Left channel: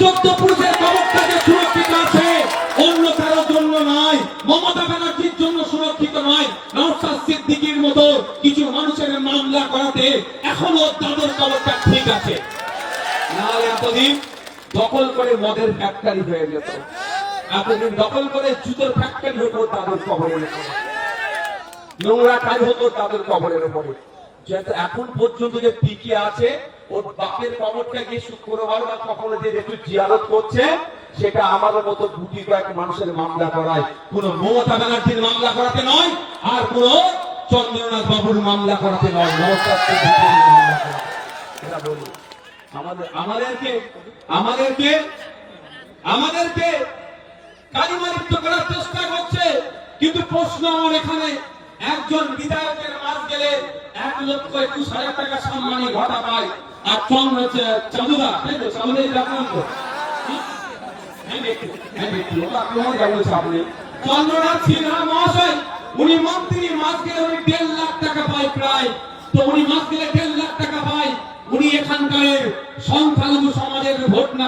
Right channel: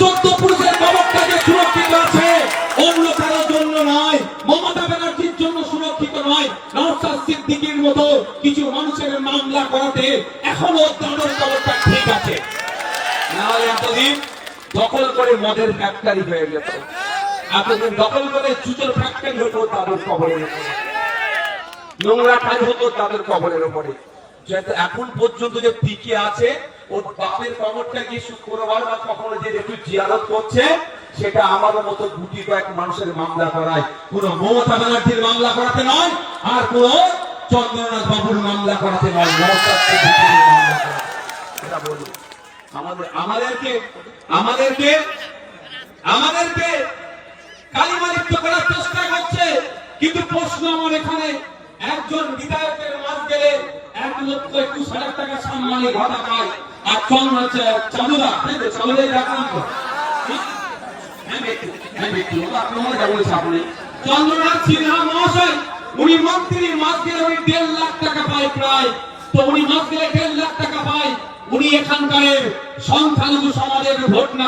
চোদ্দ পুরুষের কবরটা সুরক্ষিত আছে। অন্য কারোর জন্য নয়, মমতা ব্যানার্জির জন্য সুরক্ষিত নয়। নওশাদ সিদ্দিকীর মতো কিছু মানুষের মামলা করাতে এখনও তাদের কবরটা ঠিক আছে। নাহলে এতদিন দখল করে মদের ফ্যাক্টরি হয়ে যেত। এতদিন দখল করে জুতোর ফ্যাক্টরি হতো তাদের কবরের। নোংরা কাজ হতো তাদের কবরের উপরে। যেহেতু এখন পর্যন্ত যে টিকে আছে ওর বাপের কবরটা শুক্রবার বা কখনো যে একটু জিয়ারত করছে, সেটা আমাদের মতো গুটি কয়েক মানুষের মামলা করায়। কোন মমতা ব্যানার্জির মামলা করাতে নয়, আর কোন চন্দ্রনাথ বাবুর মামলা করাতে নয় আমাদেরকে আমাদেরকে আমাদেরকে করার চেষ্টা করছে, কিন্তু প্রশ্ন আমার এখানে, একজন বিধায়কের মাস গেলে এক লক্ষ একুশ হাজার টাকা সম্মানী ঘটা পায়। তো? তো হ্যাঁ, হ্যাঁ, ভোট না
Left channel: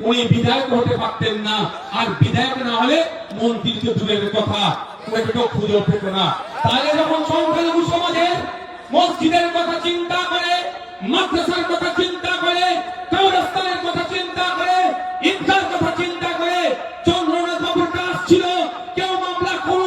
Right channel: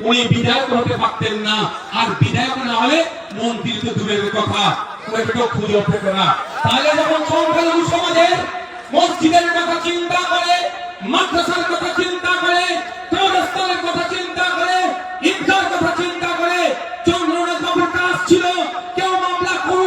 উনি বিধায়ক হতে পারতেন না। আর বিধায়ক না হলে মন্ত্রী তো দূরের কথা। খুঁজে না। তাহলে যখন সংখ্যালঘু সমাজের মসজিদের কথা চিন্তা মাদ্রাসার কথা চিন্তা করে চৌরাস্তানের কথা চিন্তা করে ঈদগার কথা চিন্তা করে চন্দ্রনাথ বাবুর কাজ ছিল। কেউ মামলা কোনো